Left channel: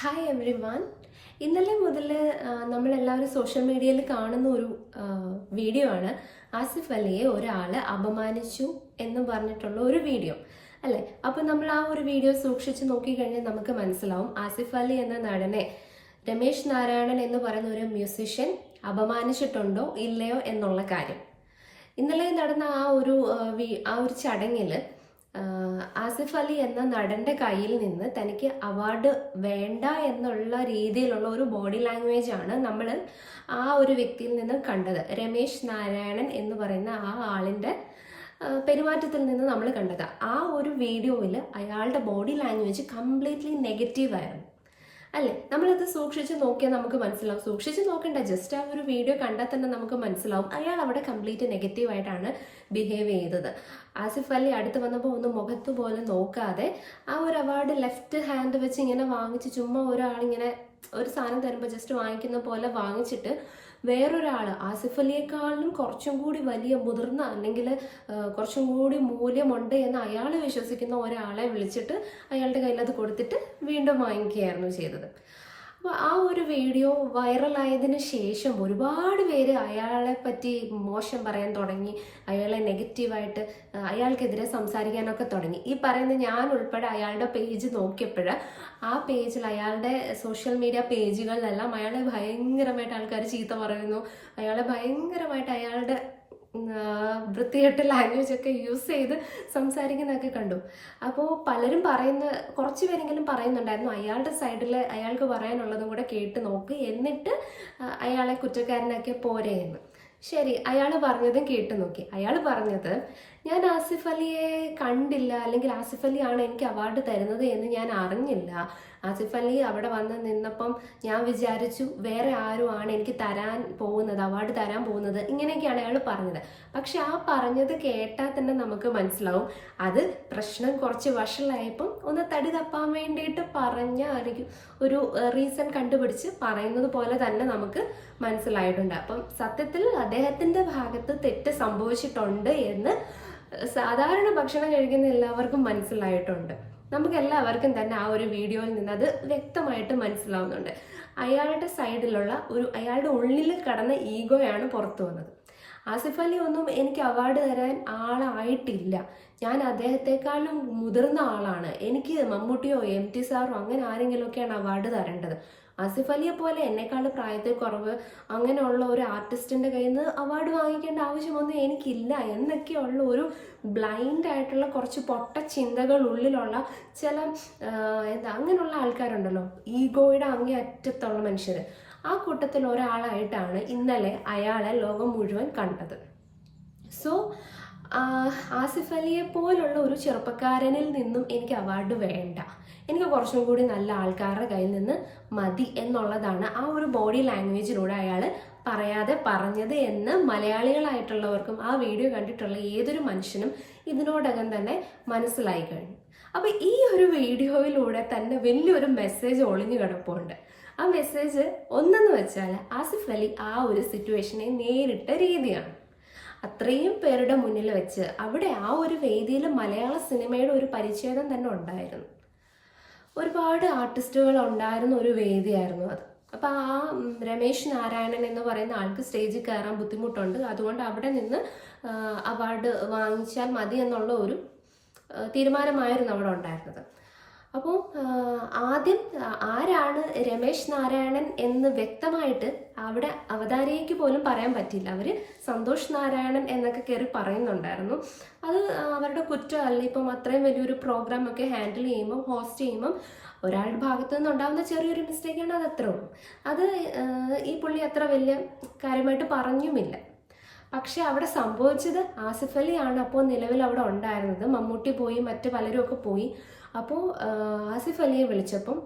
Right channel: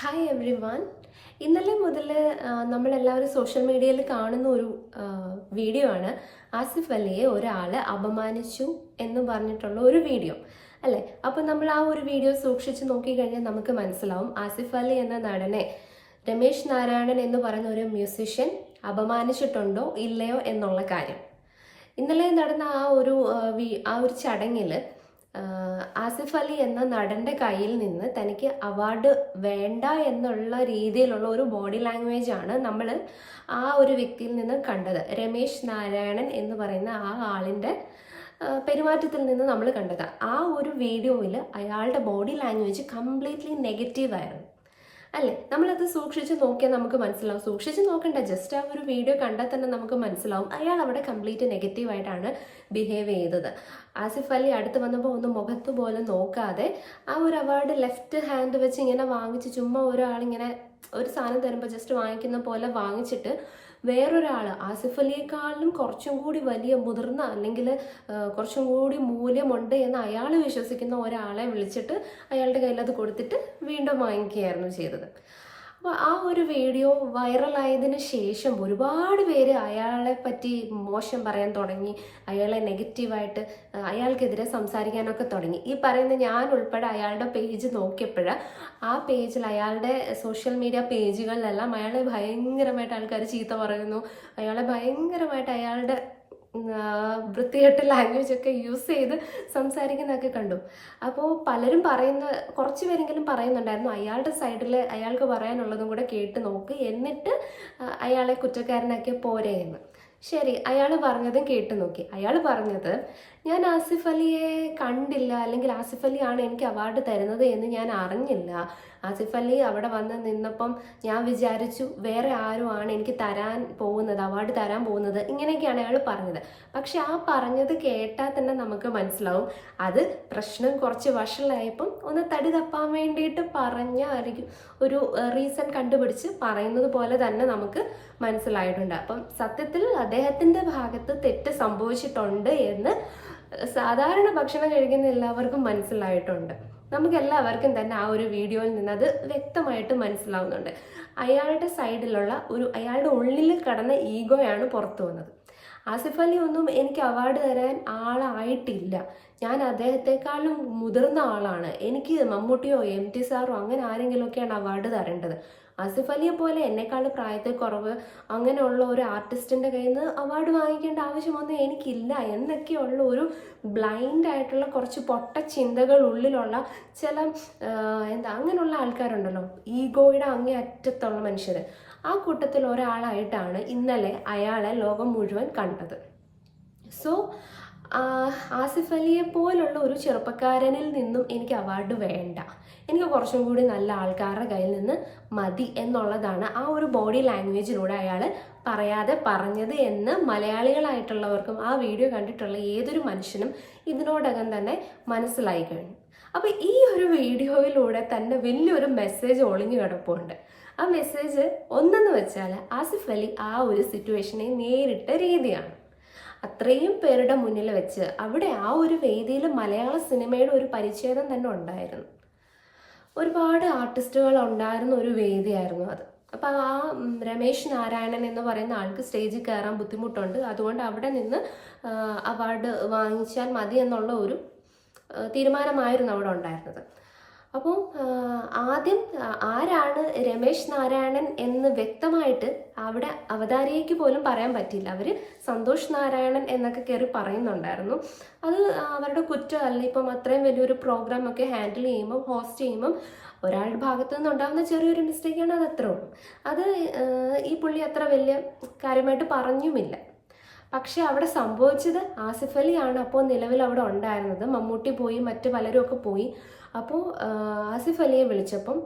Hi every one. ഇന്നലെ മുതൽ നമ്മളെല്ലാവരും സോഷ്യൽ മീഡിയയിൽ കാണുന്ന ഒരു വീഡിയോ ആണ്. ആസിഫ് അലിയെ ഒരാൾ അപമാനിച്ചു എന്ന് പറഞ്ഞിട്ടുള്ള ഒരു വീഡിയോ അല്ലേ. അപ്പോൾ നമ്മൾ ആ ഒരു വീഡിയോ സൂക്ഷിച്ച് നോക്കിക്കഴിഞ്ഞാൽ നമുക്ക് മനസ്സിലാവും ആസിഫ് അലി എന്ന നടനെ രമേശ് നാരായണൻ എന്ന് പറയുന്ന ഒരു മ്യൂസിഷ്യൻ അപമാനിച്ചിട്ടുണ്ടോ ഇല്ലയോ എന്നുള്ള കാര്യം. ഇന്നലെ നടന്ന ആ ഒരു ചടങ്ങിൽ ആസിഫ് അലി എന്ന നടന്റെ കയ്യിൽ നിന്ന് തനിക്ക് അവാർഡ് വേണ്ട എന്നുള്ള രീതിയിലുള്ള ഒരു ബോഡി ലാംഗ്വേജ് ആണ് നമ്മൾ ആ ഒരു വ്യക്തിയിൽ നിന്ന് കണ്ടത്. രമേശ് നാരായണൻ എന്ന് പറയുന്ന ആ ആളിന്റെ പെരുമാറ്റത്തിൽ നിന്ന് നമ്മൾ കണ്ടത്. ആ ഒരു വീഡിയോയിൽ അയാളുടെ ബോഡി ലാംഗ്വേജ് കംപ്ലീറ്റ്ലി നെഗറ്റീവ് ആയിരുന്നു അല്ലേ. നമ്മളത് സൂക്ഷിച്ച് നോക്കിയാൽ നമുക്ക് മനസ്സിലാവും. സൂക്ഷിച്ച് നോക്കണ്ട, ജസ്റ്റ് ആ ഒരു വീഡിയോ കണ്ടാൽ തന്നെ നമുക്ക് മനസ്സിലാവും അയാൾ അവിടെ കംപ്ലീറ്റ് നെഗറ്റീവായിട്ടാണ് ബിഹേവ് ചെയ്തത്. ആസിഫ് അലി അടുത്ത് വന്നപ്പോൾ ഒന്ന് മുഖത്ത് പോലും നോക്കാതെ ആ ഒരു അവാർഡ് ലെഫ്റ്റ് ഹാൻഡ് വെച്ച് ഇങ്ങനെ വാങ്ങിച്ച് ചുമ്മാ ഒരാളിങ്ങനെ ഒരു സാധനം തരുമ്പോൾ ജസ്റ്റ് വാങ്ങിക്കുന്ന പോലെ വാങ്ങിച്ചിട്ട് വേറൊരാൾ ആസിഫ് അലിയെക്കാളും കുറച്ചും കൂടി വലിയ മുതിർന്ന അല്ലെങ്കിൽ കുറച്ചും കൂടി മൂല്യമുണ്ട് എന്ന് അയാൾ വിശ്വസിക്കുന്ന ഒരാളെ വിളിച്ചിട്ട് അയാളുടെ കയ്യിൽ അത് കൊടുത്തിട്ട് വീണ്ടും വാങ്ങിക്കുകയായിരുന്നു ചെയ്തത്. അപ്പോൾ ആ ഒരു വീഡിയോ വൈറലായതിനു ശേഷം ഒരുപാട് പേര് അയാളെ പറ്റി മോശം പറയാൻ തുടങ്ങി, അയാളെ നെഗറ്റീവായിട്ട് അയാൾക്കെതിരെ സംസാരിക്കാനൊക്കെ തുടങ്ങി. ഈ പറയുന്ന ഞാൻ ഉൾപ്പെടെ അയാളുടെ പേജ് നോക്കിയപ്പോൾ ആ പേജിൽ അയാളുടെ സോഷ്യൽ മീഡിയ പേജുകളിലെല്ലാം അയാളെ ഭയങ്കരമായിട്ട് ആൾക്കാർ ചീത്ത പറയുന്നു, അയാളെ ഭയങ്കരമായിട്ട് അയാളുടെ വൃത്തികെട്ട ലാംഗ്വേജ് ഒക്കെ യൂസ് ചെയ്ത് സംസാരിക്കുന്നതൊക്കെ കണ്ടു. അപ്പോൾ പലരും കുറച്ച് പേരെങ്കിലും പറയുന്നുണ്ടായിരുന്നു അയാളുടെ സൈഡിൽ അയാൾക്ക് പറയാനുള്ളതും കൂടെ കേട്ട് നോക്ക്, എന്നിട്ട് അയാളെ കുറ്റക്കാരനാക്കിയ പോരെ എന്ന്. ശരി, അയാൾ പറഞ്ഞതും കേട്ടു നോക്കി. അയാൾ പറഞ്ഞത്, ഞാൻ ആസിഫ് അലിയെ കണ്ടില്ല, അല്ലെങ്കിൽ ആസിഫ് അലി ആണ് എനിക്ക് അവാർഡ് തരുന്നത് എന്ന് ഞാൻ അറിഞ്ഞില്ല. ആസിഫ് അലി അവിടെ വന്ന് നിന്നപ്പം ഞാൻ വിചാരിച്ചു വേറെ ആരും ആണ് എനിക്ക് അവാർഡ് തരാൻ പോകുന്നത്, ഇങ്ങനെയൊക്കെയാണ് അയാൾ പറഞ്ഞത്. പക്ഷെ ആ പറഞ്ഞത് കേട്ടാൽ തന്നെ നമുക്ക് മനസ്സിലാവും അത് പ്രശ്നം കുറച്ച് വഷളായപ്പം ഒന്ന് തടി തപ്പാൻ വേണ്ടിയിട്ട് പറഞ്ഞ ഒരു റീസൺ കണ്ടുപിടിച്ച് പറയുന്നത് പോലെ തന്നെ നമുക്ക് മനസ്സിലായിട്ടുണ്ട്. അപ്പം സത്യത്തിൽ അദ്ദേഹത്തിന്റെ ഭാഗത്ത് തെറ്റ് സംഭവിച്ചിട്ടുണ്ട് എന്ന് സാധാരണ ഭക്ഷണം കഴിക്കുന്ന എല്ലാവർക്കും മനസ്സിലായിട്ടുണ്ട്. നമുക്ക് എല്ലാവർക്കും തന്നെ ആ ഒരു വീഡിയോയിൽ നിന്ന് അത് വ്യക്തമായിട്ട് മനസ്സിലാവുന്നുണ്ട്. അയാളുടെ സൈഡിലുള്ള അയാളുടെ ഉള്ളിൽ കടന്ന ഈഗോയാണ് പുറത്തു വന്നത്. ആസിഫ് അലി ഒന്നും എനിക്ക് അവാർഡ് തരാൻ ആളായിട്ടില്ല, ഞാൻ അദ്ദേഹത്തെക്കാളും മുതിർന്ന ആളാണ്, എനിക്ക് മമ്മൂട്ടിയോ MT സാറോ അങ്ങനെ ആരെങ്കിലുമൊക്കെയാണ് അവാർഡ് തരേണ്ടത്. ആസിഫ് അലിയെ പോലെ എന്നെക്കാളും പ്രായത്തിൽ കുറവ് അങ്ങനെയുള്ള ഒരു ആർട്ടിസ്റ്റിന്റെ കയ്യിൽ നിന്ന് അവാർഡ് വാങ്ങിക്കേണ്ട ആവശ്യമൊന്നും എനിക്കില്ല എന്നൊക്കെയുള്ള ഒരു ബ്ലൈൻഡ് ആയിട്ടുള്ള കുറച്ച് പൊട്ട ചിന്തകൾ ഉള്ളിലുള്ള ചില അങ്ങനെയുള്ള ആൾക്കാരുണ്ടല്ലോ, ഈഗോയുടെ അങ്ങേ അറ്റത്തുള്ള മനുഷ്യര്. ആ കൂട്ടത്തിൽ ഒരാളായിട്ടാണ് ഇന്നലെ അയാളെ ലോകം മുഴുവൻ കണ്ടത്. സോ ആസിഫ് അലിയെ പോലുള്ള ഒരു ചെറുപ്പക്കാരനിൽ നിന്നും എനിക്ക് അവാർഡ് വേണ്ട, എനിക്ക് കുറച്ചും കൂടി നല്ല ആൾക്കാരുടെ കയ്യിൽ നിന്ന് മതി എന്നുള്ളതാണ് ആ ഒരു ബോഡി ലാംഗ്വേജിലൂടെ അയാൾ പറയാതെ പറഞ്ഞത് എന്ന് മലയാളികളായിട്ടുള്ളവർക്കും ആ വീഡിയോ കണ്ടിട്ടുള്ള ഏതൊരു മനുഷ്യനും ഇതിനോടകം തന്നെ മനസ്സിലായി കഴിഞ്ഞു. അപ്പൊ ഈ ഒരു വീഡിയോയിലൂടെ തന്നെ വലിയൊരു മെസ്സേജ് ഒളിഞ്ഞു കിടപ്പുണ്ട്. ആ മെസ്സേജ് ഒന്നെന്ന് വെച്ചാൽ ആസിഫ് അലി ആ ഒരു സിറ്റുവേഷനെ നേരിട്ട രീതിയാണ്. അത്രയും പേരുടെ മുന്നിൽ വെച്ച് അവിടെ ആ ഒരു വേദിയിൽ മലയാള സിനിമയുടെ ഒരു പരിച്ഛേദം തന്നെ ഉണ്ടായിരുന്നു. ഒരുപാട് ആർട്ടിസ്റ്റുകൾ ഉണ്ടായിരുന്ന ഒരു വേദിയായിരുന്നു അത്. അപ്പൊ ആ രമേശ് നാരായണൻ എന്ന് പറയുന്ന ആൾക്ക് സ്റ്റേജിൽ കയറാൻ ബുദ്ധിമുട്ടുണ്ട്, അതുകൊണ്ട് അവിടെ നിന്ന് അവാർഡ് വാങ്ങിച്ചാൽ മതി എന്നുള്ള ഒരു തീരുമാനമായിരുന്നു അവിടെ ഉണ്ടായിരുന്നത്. അപ്പോൾ ആദ്യം ആരാണ് രമേശ് നാരായണൻ എന്ന് വ്യക്തമായിട്ട് അവിടെ അവതാരികയ്ക്ക് പോലും പറയാൻ പറ്റില്ല. അവര് സന്തോഷ് നാരായണൻ എന്നൊക്കെ കയറി പറയുന്നുണ്ടായിരുന്നു. അത് അവരുടെ കുറ്റമല്ല. ഇപ്പം അത്രയും വലിയൊരു പ്രോഗ്രാം ഒക്കെ ഹാൻഡിൽ ചെയ്യുമ്പം ഹോസ്റ്റ് ചെയ്യുമ്പം ഒരാളുടെ ഭാഗത്തു നിന്നുണ്ടാകുന്ന ചെറിയൊരു മിസ്റ്റേക്കാണ്, അത് അത്രേ ഉള്ളൂ. അത് ഈ പുള്ളി അത്ര വലിയ കാര്യമായിട്ട് പറഞ്ഞുമില്ല. പക്ഷെ അവിടെ സംഭവിച്ചത് ആസിഫ് അലി ആണ് അപ്പോൾ നിലവിൽ അവിടെ ഉണ്ടായിരുന്നത്. മമ്മൂട്ടി പോയി, മറ്റു പലരും ഒക്കെ പോയി. അപ്പോൾ ആസിഫ് അലിയെ വിളിച്ചപ്പം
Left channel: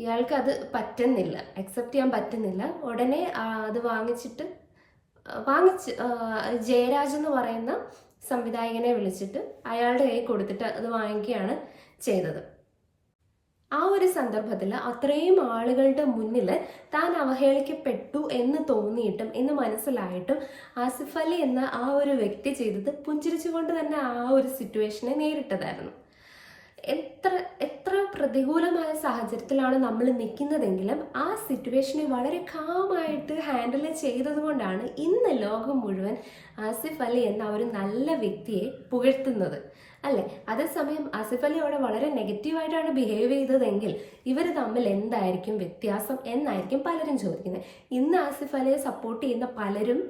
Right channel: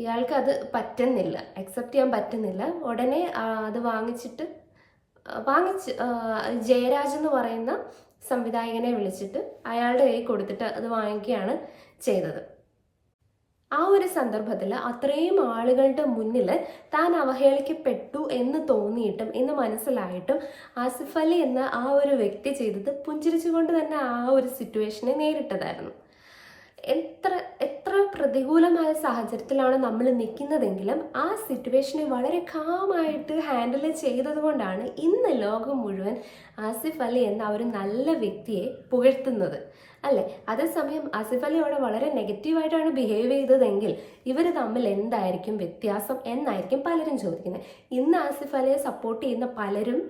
ഇയാൾക്ക് അത് പറ്റുന്നില്ല, അക്സെപ്റ്റ് ചെയ്യാൻ പറ്റുന്നില്ല. ഉടനെ അത് വാങ്ങിച്ച് ജയരാജ് എന്ന് പറയുന്ന സംവിധായകനെ വിളിച്ചിട്ട് അയാളുടെ കയ്യിൽ കൊടുത്തിട്ട് അത് വാങ്ങിക്കുകയാണ് ചെയ്തത്. ആ ഒരു സന്ദർഭത്തിൽ അത്രയും ആളുകളുടെ മുന്നിൽ താൻ അവഹേളിക്കപ്പെട്ടു എന്ന് തോന്നിയിട്ടും എന്ന് മനസ്സിലായിട്ടും ആസിഫ് അലി എന്ന ആ ഒരു വ്യക്തി ചെയ്തത് പുഞ്ചിരിച്ചുകൊണ്ട് തന്നെ ആ ഒരു സിറ്റുവേഷനെ നേരിട്ടതായിരുന്നു. എത്ര എത്ര പ്രതികൂലമായ സാഹചര്യത്തിലാണ് നമ്മൾ നിൽക്കുന്നതെങ്കിലും ആ സിറ്റുവേഷനെ വളരെ കാമായിട്ട് ഹാൻഡിൽ ചെയ്തത് കൊണ്ടാണ് ഇന്ന് ലോകം മുഴുവൻ ആസിഫ് അലി എന്ന ഒരു നല്ല വ്യക്തിയെ പുകഴ്ത്തുന്നത്, അല്ലെ? അതേസമയം ആസിഫ് അലി അവിടെ വളരെ നെഗറ്റീവായിട്ടാണ് ബിഹേവ് ചെയ്തതെങ്കിൽ ഇവർ തമ്മിൽ എന്തായിരിക്കും വ്യത്യാസം എന്നായിരിക്കും പലരും ചോദിക്കുന്നത്. ഇന്ന് ആസിഫ് അലിയെ സപ്പോർട്ട് ചെയ്യുന്ന പലരും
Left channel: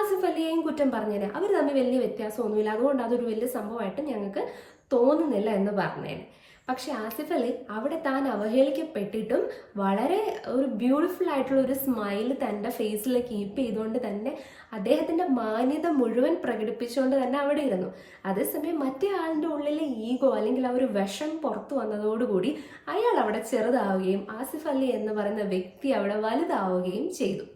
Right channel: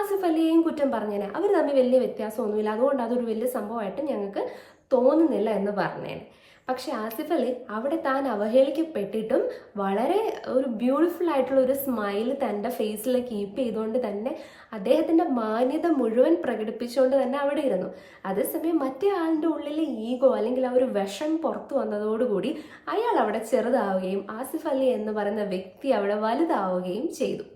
ആസിഫ് അലിയെയും കുറ്റം പറഞ്ഞേനെ. അവർ തമ്മിൽ വലിയ വ്യത്യാസമൊന്നുമില്ല, അതുകൊണ്ട് അതൊരു വലിയ സംഭവമായിട്ട് ഞങ്ങൾക്ക് തോന്നുന്നില്ല എന്ന് പറഞ്ഞേനെ. പക്ഷെ ആസിഫ് അലി അവിടെ താൻ അവഹേളിക്കപ്പെട്ടിട്ടും വളരെ ഒരു ബ്യൂട്ടിഫുൾ ആയിട്ടുള്ള ഒരു സ്മൈൽ തൻ്റെ ഫേസിൽ കീപ്പ് ചെയ്തുകൊണ്ട് തന്നെ അദ്ദേഹത്തിന്റെ മാന്യത മുഴുവൻ പ്രകടിപ്പിച്ചുകൊണ്ട് തന്നെ അവിടെ ഇരുന്നു. അതേസമയം മറ്റേ ആളിന്റെ ഉള്ളിലെ ഈഗോ അല്ലെങ്കിൽ ആ ഒരു വിഷം പുറത്തു വന്നതോടുകൂടി അയാൾ അവിടെ ചെറുതാവുകയും ആസിഫ് അലി എന്ന് പറയുന്ന വ്യക്തി അവിടെ വലുതാവുകയും ചെയ്തു.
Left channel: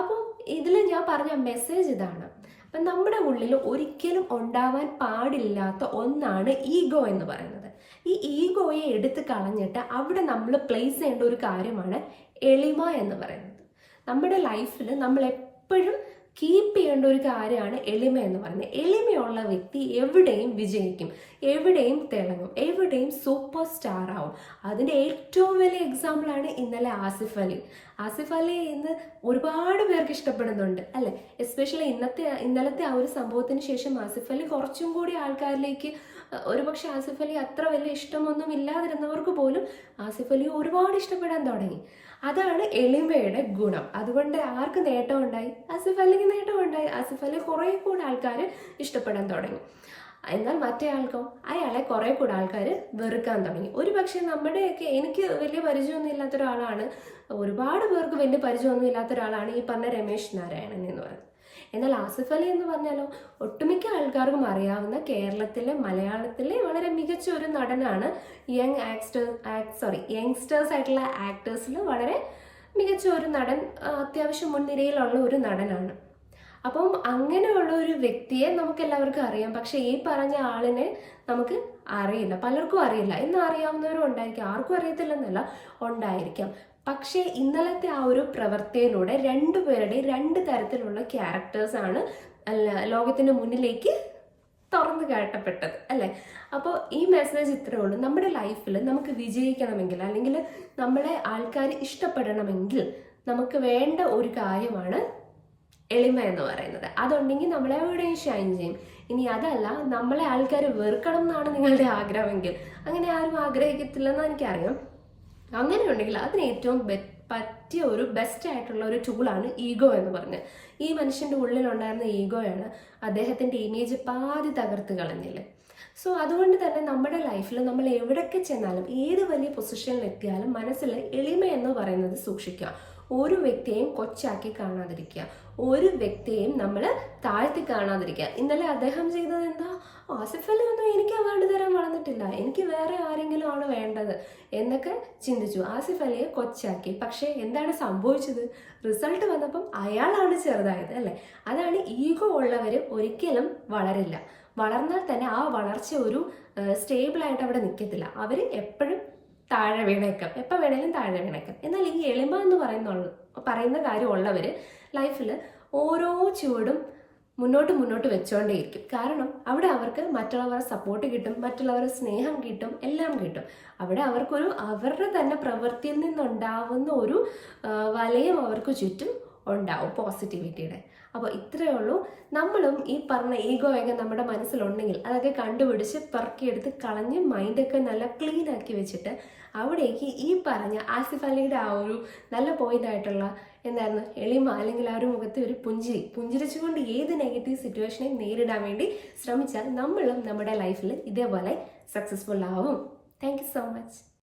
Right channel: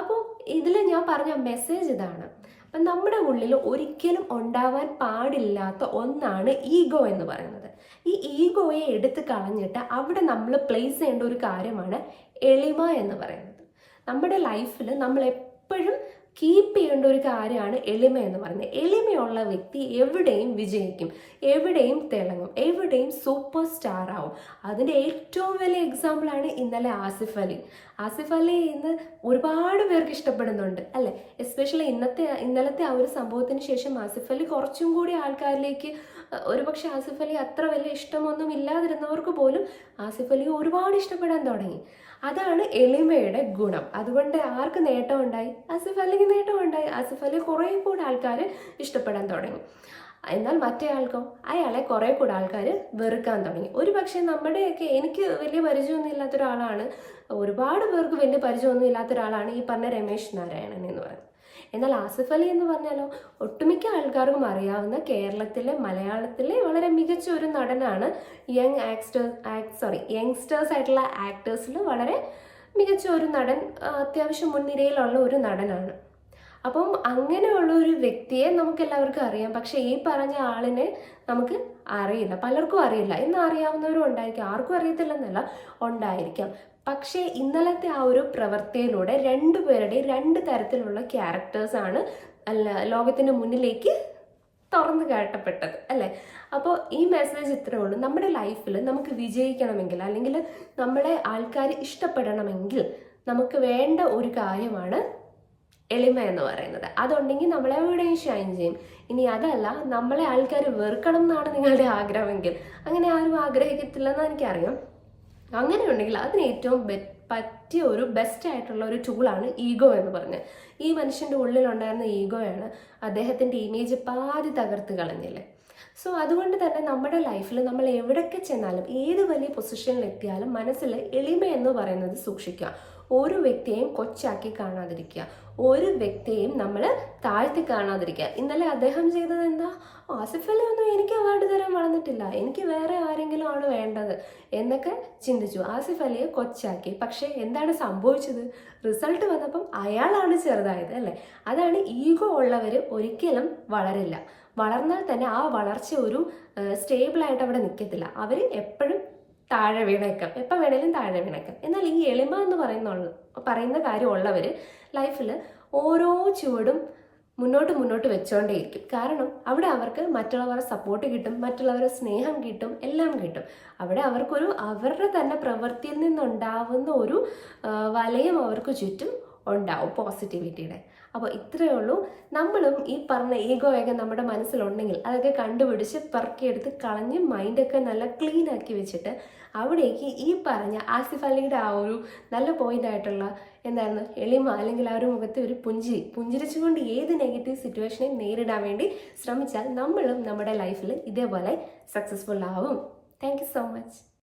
അപ്പോൾ ഇതിൽ ഞാൻ പറഞ്ഞ മെസ്സേജ് ഇതാണ്. അപ്പം നമ്മുടെ ഉള്ളിൽ ഒരിക്കലും ഉണ്ടാവാൻ പാടില്ലാത്ത ഒന്നാണ് ഈഗോ എന്ന് പറയുന്നത്. ഈ ഈഗോയെ എടുത്ത് കളഞ്ഞിട്ട് അവിടെ നമ്മൾ പ്ലേസ് ചെയ്യേണ്ട ഒരു കാര്യമാണ് എളിമ എന്ന് പറയുന്നത്. നമ്മുടെ ലൈഫിൽ നമ്മൾ എപ്പോഴും കീപ്പ് ചെയ്യേണ്ട ഒരു കാര്യമാണ് എളിമ എന്ന് പറയുന്നത്. എളിമയുള്ള വ്യക്തി എവിടെയും വിജയിക്കും, എവിടെയും തിളങ്ങും, എവിടെയും സൂപ്പർ സ്റ്റാർ ആവും. അതിൻ്റെ ഏറ്റവും വലിയ എക്സാമ്പിളാണ് ഇന്നലെ ആസിഫ് അലി. ആസിഫ് അലി ഇന്ന് ഒരുപാട് പേർക്ക് ഇഷ്ടപ്പെടുന്നുണ്ട്, അല്ലെ? എസ്പെഷ്യലി ഇന്നലത്തെ ആ ഒരു സംഭവത്തിന് ശേഷം ആസിഫ് അലി കുറച്ചും കൂടി ആൾക്കാരിലേക്ക്, ഒരുപക്ഷെ ആസിഫ് അലി അത്ര വലിയ ഇഷ്ടമൊന്നും ഇല്ലാതിരുന്നവർക്ക് പോലും ആസിഫ് അലി ഒരുപാട് ഇഷ്ടപ്പെടാൻ തുടങ്ങി. അതാണ് എളിമയുടെ ഗുണം. അതുകൊണ്ട് ആർക്ക് നേട്ടമുണ്ടായി? ആസിഫ് അലിക്ക് നേട്ടമുണ്ടായി. ആസിഫ് അലി കുറെ കൂടെ ആൾക്കാർ ഇഷ്ടപ്പെടാൻ തുടങ്ങി. എന്നാൽ മറ്റേ ആൾക്കോ അയാളെ കുറെ കൂടെ ആൾക്കാർ വെറുക്കാൻ തുടങ്ങി. ഒരു പക്ഷെ നമ്മുടെയൊക്കെ, എനിക്ക് വലിയ പരിചയമൊന്നും ഇല്ലാത്ത ഒരാളാണ്, ഒരുപാട് പേർക്ക് വലിയ പരിചയമൊന്നും ഇല്ലാത്ത ഒരാളാണ് ഈ പറഞ്ഞ രമേശ് നാരായണൻ എന്ന് പറയുന്നത്. എന്നാൽ ആസിഫ് അലി എന്ന് പറഞ്ഞാലോ ഒട്ടുമിക്ക ആൾക്കാർക്കും അറിയാവുന്ന കേരളത്തിലെ മലയാളത്തിലെ വളരെ മികച്ച ഒരു നടനാണ്. യങ്സ്റ്റേഴ്സ് ആയിട്ടുള്ള ആക്ടേഴ്സിൽ വളരെ മികച്ച ഒരു നടൻ, അത്യാവശ്യം മുൻനിരയിലുള്ള ഒരു നടനാണ്. അപ്പം അങ്ങനെയുള്ള ഒരു വ്യക്തിയെ നമുക്ക് എല്ലാവർക്കും അറിയാം. പക്ഷെ ഈ പറഞ്ഞ ആളിനെ നമുക്ക് അറിയില്ല, പലർക്കും അറിയില്ല. ഇന്ന് അറിയാവുന്നവരും ഉണ്ടായിരിക്കാം, ആർക്കും അറിയത്തില്ലെന്നല്ല, ഉണ്ടായിരിക്കാം. പക്ഷേ ഇന്നലത്തെ ആ ഒരു പ്രവൃത്തിയിലൂടെ രണ്ടുപേരുടെയും രണ്ട് തരത്തിലുള്ള ക്യാരക്ടേഴ്സാണ് ലോകത്തിന്റെ മുന്നിലേക്ക് തുറന്നു കാട്ടപ്പെട്ടത്, അല്ലെ? അപ്പോൾ ഈ മെസ്സേജ് ഇത്രയേ ഉള്ളൂ. നമ്മുടെ ലൈഫിൽ നമുക്ക് വിജയിക്കണമെങ്കിൽ അല്ലെങ്കിൽ നമ്മളെ ആൾക്കാർ ഇഷ്ടപ്പെടണമെങ്കിൽ നമുക്ക് വേണ്ട ഒരു കാര്യമാണ് എളിമ എന്ന് പറയുന്നത്. അതുണ്ടെങ്കിൽ നമ്മളെവിടെയും ഷൈൻ ചെയ്യും. ഇനി അതല്ല, നമ്മളെ ആൾക്കാർ വെറുക്കണം എന്നാണ് നിങ്ങളുടെ ആഗ്രഹമെങ്കിൽ, അങ്ങനെ ആരും ആഗ്രഹിക്കത്തില്ലെന്ന് എനിക്കറിയാം. അങ്ങനെ ഉണ്ടെങ്കിൽ അതിന് ഏറ്റവും പറ്റിയ ഒരു ബെസ്റ്റ് ആയിട്ടുള്ള ഒരു ടൂളാണ് ഈഗോ എന്ന് പറഞ്ഞത്. ഈ മനുഷ്യന്റെ ഉള്ളിലുണ്ടായിരുന്ന ഈഗോയാണ് അദ്ദേഹത്തിന്റെ ഇമേജ് പാതി തകർത്ത് കളഞ്ഞില്ലേ. സോ അതുകൊണ്ട് തന്നെ നമ്മുടെ ലൈഫിൽ നമ്മൾ എവിടൊക്കെ ചെന്നാലും, ഏത് വലിയ പൊസിഷനിൽ എത്തിയാലും മനസ്സിൽ എളിമ എന്ന് പറയുന്നത് സൂക്ഷിക്കുക. ഒരു വ്യക്തിയെയും കൊച്ചാക്കി കാണാതിരിക്കുക, ഒരു വ്യക്തിയെയും നമ്മൾ താഴ്ത്തി കാണാതിരിക്കുക. ഇന്നലെ അദ്ദേഹം ചെയ്തത് എന്താ? ആസിഫ് അലി ഒന്നും എനിക്ക് അവാർഡ് തരാൻ വളർന്നിട്ടില്ല, എനിക്ക് വേറെ ആരെങ്കിലും ആണ് വേണ്ടത് എന്നൊക്കെ ചിന്തിച്ചു. ആസിഫ് അലിയെ കൊച്ചാക്കി. പക്ഷെ എന്താണ് സംഭവിച്ചത്? റിസൾട്ട് വന്നപ്പം അയാളാണ് ചെറുതായത്, അല്ലെ? അതാണ് ഈഗോ ഉള്ളവർ ഒരിക്കലും വളരില്ല. വളർന്നാൽ തന്നെ ആ വളർച്ച ഒരു സ്റ്റേബിൾ ആയിട്ട് അവിടെ നിൽക്കത്തില്ല. അവർ എപ്പോഴും താഴെ വീണേക്കാം, എപ്പോൾ വേണേലും താഴെ വീണേക്കാം. എന്നാൽ ഈ എളിമ എന്ന് പറയുന്ന കാര്യമുള്ളവർ ലൈഫിൽ ഓരോ ചുവടും മുന്നോട്ട് വെച്ചുകൊണ്ടേയിരിക്കും. കാരണം അവിടെ അവർക്ക് മറ്റുള്ളവരുടെ സപ്പോർട്ട് കിട്ടും, മറ്റുള്ളവരുടെ സ്നേഹം കിട്ടും, എല്ലാം കിട്ടും. അവിടെ അവർക്കൊരു അവരുടെ തന്നെ പ്രവൃത്തിയിൽ നിന്നുണ്ടാവുന്ന ഒരു വലയം അവർക്ക് ചുറ്റും ഉണ്ടാവും, പോസിറ്റിവിറ്റിയുടെ. അപ്പോൾ ഇത്രയേ ഉള്ളൂ. നമ്മളും ഈ പറഞ്ഞ ഈഗോയൊക്കെ നമ്മുടെ മനസ്സിലുണ്ടെങ്കിൽ അതൊക്കെ കണ്ടുപിടിച്ച് പെറുക്കിയെടുത്ത് കളഞ്ഞ് മൈൻഡൊക്കെ നല്ല ക്ലീൻ ആക്കി വെച്ചിട്ട് അവിടേക്ക് ഈ പറഞ്ഞ ആസിഫ് അലിയുടെ ആ ഒരു നല്ല പോയിന്റ് ആയിട്ടുള്ള എന്തായിരുന്നു എളിമ, അല്ലെങ്കിൽ ആ ഒരു മുഖത്തെ ഒരു പുഞ്ചിരിച്ചുകൊണ്ട് ഏത് നെഗറ്റീവ് സിറ്റുവേഷനെ നേരിടാൻ വേണ്ടി ശ്രമിച്ചാൽ നമ്മളും നമ്മുടെ ലൈഫിൽ ഇതേപോലെ സക്സസ്ഫുൾ ആവും. Thank you so much.